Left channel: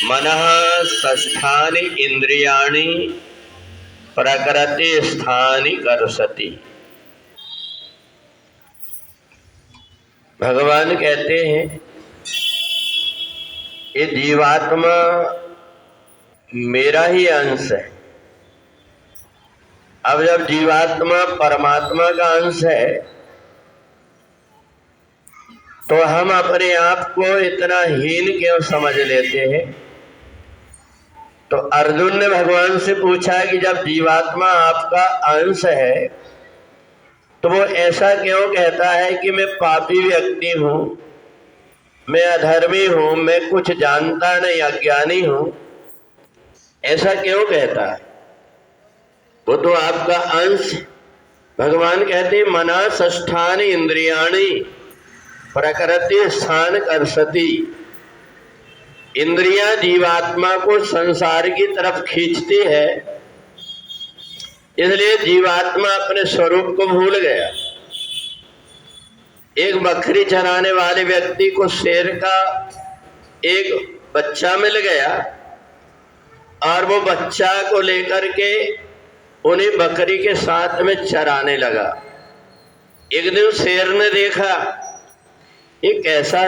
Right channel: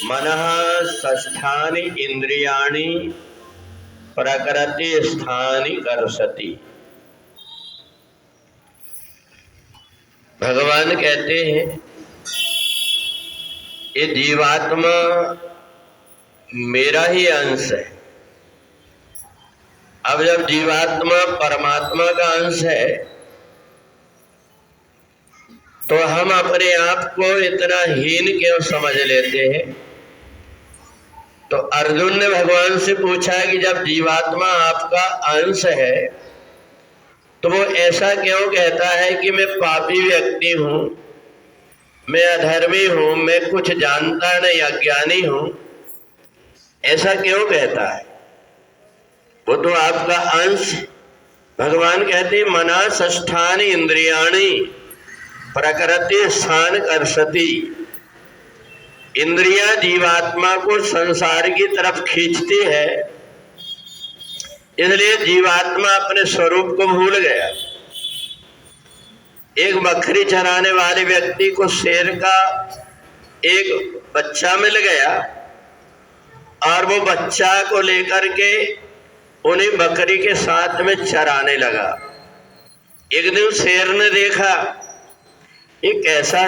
मनः षष्ठानि इंद्रियाणि प्रकृति स्थानि कर्षति। भगवान कहते हैं ये जीवात्मा मेरा ही अंश है। अब जब जीवात्मा परमात्मा का अंश है तो हम अपने आप को इतना हीन क्यों समझ लेते हैं? तो अर्जुन ने भगवान से पूछा कि जब जीवात्मा आपका अंश है तो वो ऐसा क्यों कहता है कि मैं पापी व्यक्ति हूं, मैं अधर्मी हूं, मैं कुछ जानता नहीं, अज्ञानी हूं? ऐसा क्यों कहता है? वो तो आपका अंश। भगवान कहते मना षष्ठानि इंद्रियाणि प्रकृति स्थान कर्षति। इंद्रियां जीवात्मा को संसार की तरफ खींचती है, इसलिए जीवात्मा अपने स्वरूप को भूल गया। एक बकरी चराने वाले व्यक्ति को शेर का एक बच्चा मिल गया और वो बच्चा को लेकर के उन्हें बकरी के साथ में चराने लगा। एक दिन शेर ने देखा ये कैसा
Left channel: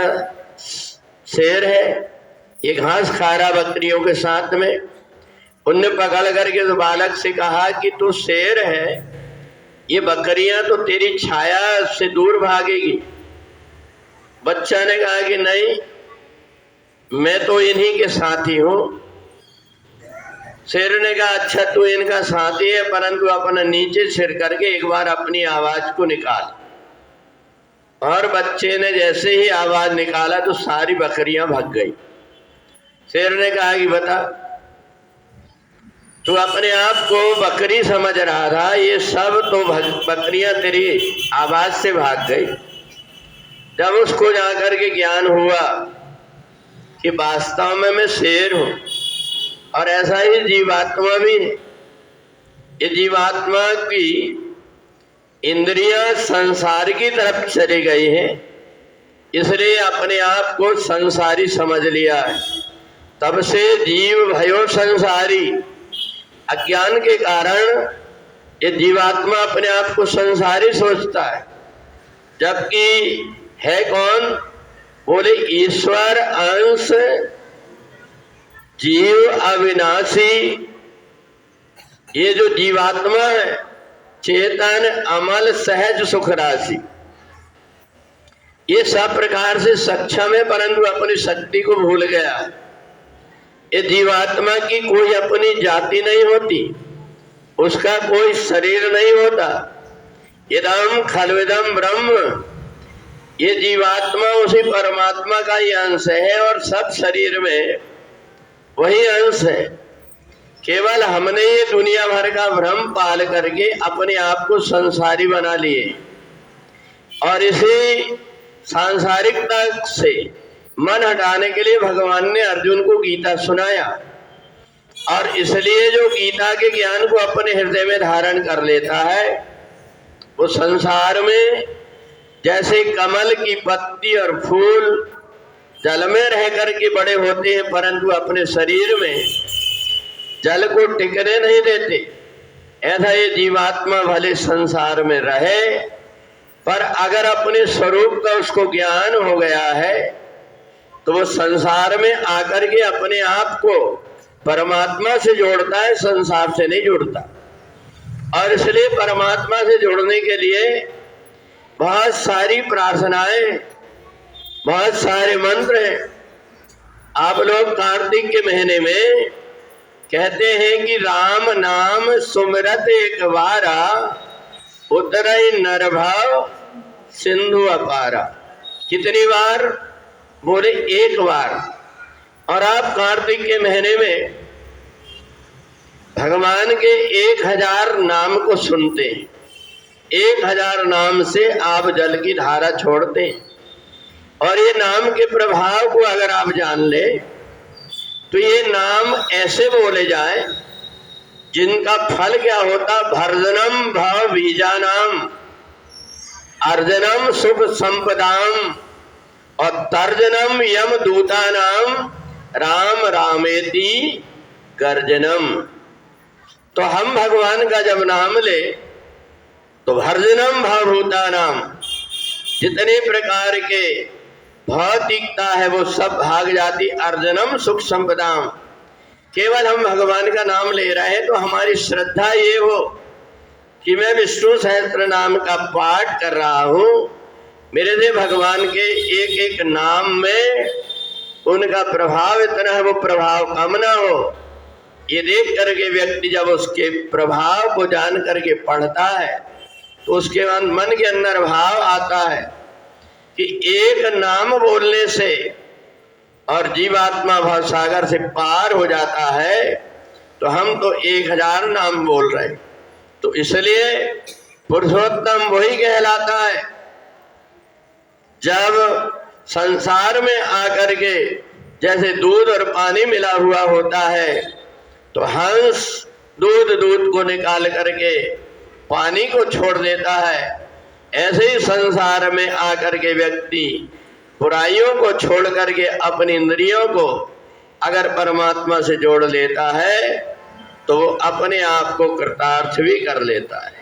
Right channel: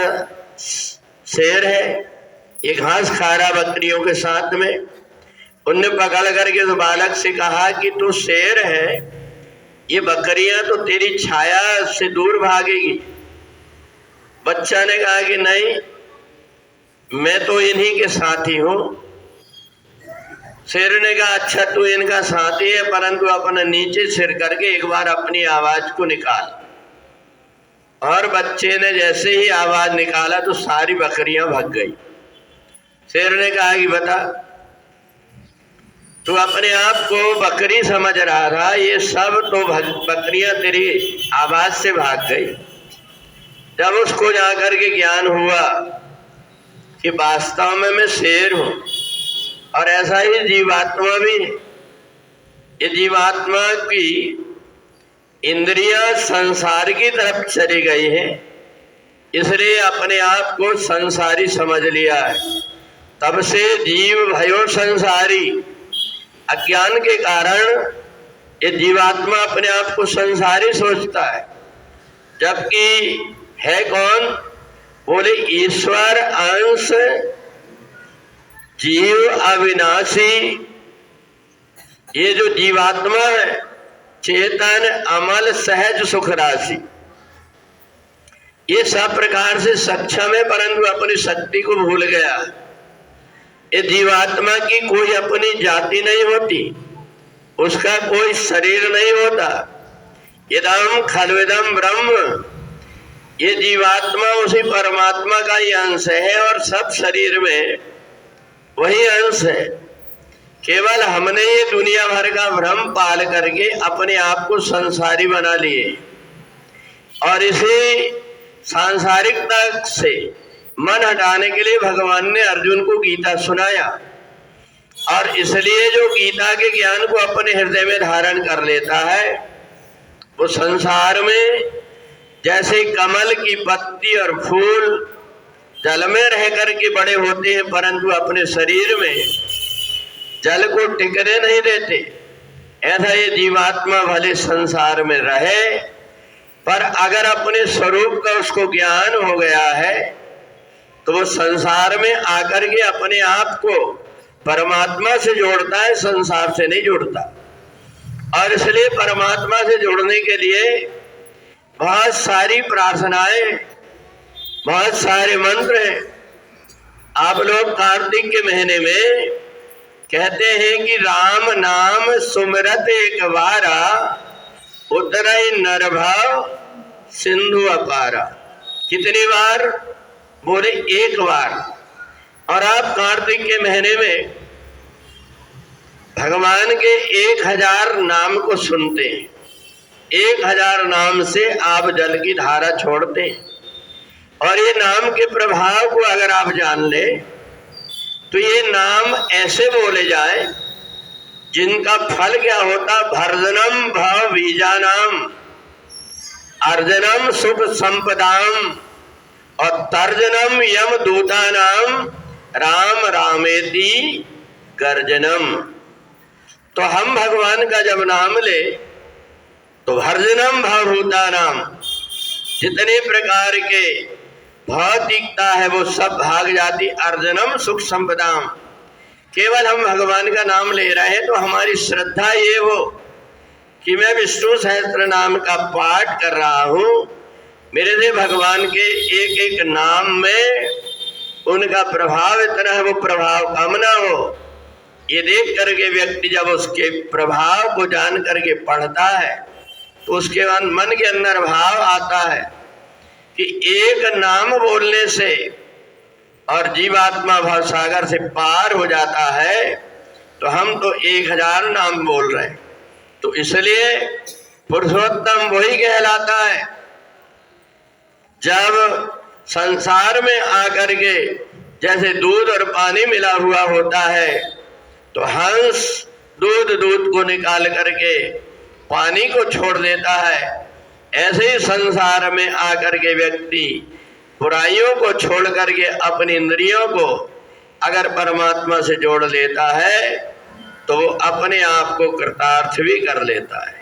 शेर है, ये घास खा रहा बकरियों के साथ में। उनने पकड़ करके उस बालक से कहा कि तू शेर है, ये बकरियां तो तेरी छाया से दूर भागेगी। बच्चा ने कहा कि नहीं, मैं तो इन्हीं के साथी हूं। शेर ने कहा अच्छा तू इनका साथी है, परंतु अपना नीचे सिर करके एक बार अपनी आवाज को निकाल। और बच्चे ने जैसे ही आवाज निकाला तो सारी बकरियां भाग गई। शेर ने कहा कि बता, तू अपने आप को बकरी समझ रहा था, ये सब तो बकरियां तेरी आवाज से भाग गई। जब उसको जाकर के ज्ञान हुआ कि वास्तव में मैं शेर हूं, और ऐसा ही जीवात्मा भी है। ये जीवात्मा की इंद्रियां संसार की तरफ चली गई है, इसलिए अपने आप को संसारी समझ लिया है। तब से जीव भयो संसारी, अज्ञान के कारण ये जीवात्मा अपने आप को संसारी सोचता है, जबकि है कौन? बोले ईश्वर अंश, जीव अविनाशी। ये जो जीवात्मा है चेतन अमल सहज सुख राशि, ये सब प्रकार से सक्षम है, परंतु अपनी शक्ति को भूल गया। ये जीवात्मा की कोई अपनी जाति नहीं होती, उसका कोई शरीर नहीं होता। इदम खल्विदम ब्रह्म, ये जीवात्मा उसी परमात्मा का ही अंश है और सब शरीर में वही अंश है। केवल हमने ये दुनिया भर का भ्रम पाल करके अपने आप को संसारी बना लिए, और इसी सांसारिकता से मन हटाने के लिए भगवान ने अर्जुन को गीता सुनाया। और इसलिए जो गीता के ज्ञान को अपने हृदय में धारण कर लेता है, वो संसार में जैसे कमल की पत्ती और फूल जल में रह करके बड़े होते हैं, परंतु अपने शरीर में जल को टिकने नहीं देते, ऐसा ये जीवात्मा भले संसार में रहे, पर अगर अपने स्वरूप का उसको ज्ञान हो गया है तो वो संसार में आकर के अपने आप को परमात्मा से जोड़ता है, संसार से नहीं जुड़ता। और इसलिए परमात्मा से जुड़ने के लिए बहुत सारी प्रार्थनाएं, बहुत सारे मंत्र हैं। आप लोग कार्तिक के महीने में कहते हैं कि राम नाम सुमिरत एक बारा, उतरई नरभाव सिंधु अपारा। कितनी बार? बोले एक बार। और आप कार्तिक के महीने में भगवान के 1000 नाम को सुनते हैं, 1000 नाम से आप जल की धारा छोड़ते हैं। और ये नाम के प्रभाव को अगर आप जान ले तो ये नाम ऐसे बोले जाए जिनका फल क्या होता? भर्जनम भाव बीजानाम, अर्जनम सुख संपदाम, और तर्जनम यम दूतानाम, राम रामेति गर्जनम। तो हम भगवान का जब नाम ले तो भर्जनम भवभूतानाम, जितने प्रकार के भौतिकता है वो सब भाग जाती। अर्जनम सुख संपदाम, केवल हम भगवान का नाम ले रहे हैं तो हमारी श्रद्धा ये हो कि मैं विष्णु सहस्त्र नाम का पाठ कर रहा हूँ, मेरे से भगवान के एक एक नाम में उनका प्रभाव इतना है, वो प्रभाव कम ना हो। ये देख करके व्यक्ति जब उसके प्रभाव को जान करके पढ़ता है तो उसके बाद मन के अंदर भाव आता है कि एक नाम बोलने से और जीवात्मा भवसागर से पार हो जाता है, तो हम तो 1000 नाम बोल रहे हैं। तो इसलिए पुरुषोत्तम वही कहलाता है जब संसार में आकर के जैसे दूध और पानी मिला हुआ होता है तो हंस दूध को निकाल करके पानी को छोड़ देता है, ऐसे ही संसार में आकर के व्यक्ति बुराइयों को छोड़ करके अपनी इंद्रियों को अगर परमात्मा से जोड़ लेता है तो वो अपने आप को कृतार्थ भी कर लेता है।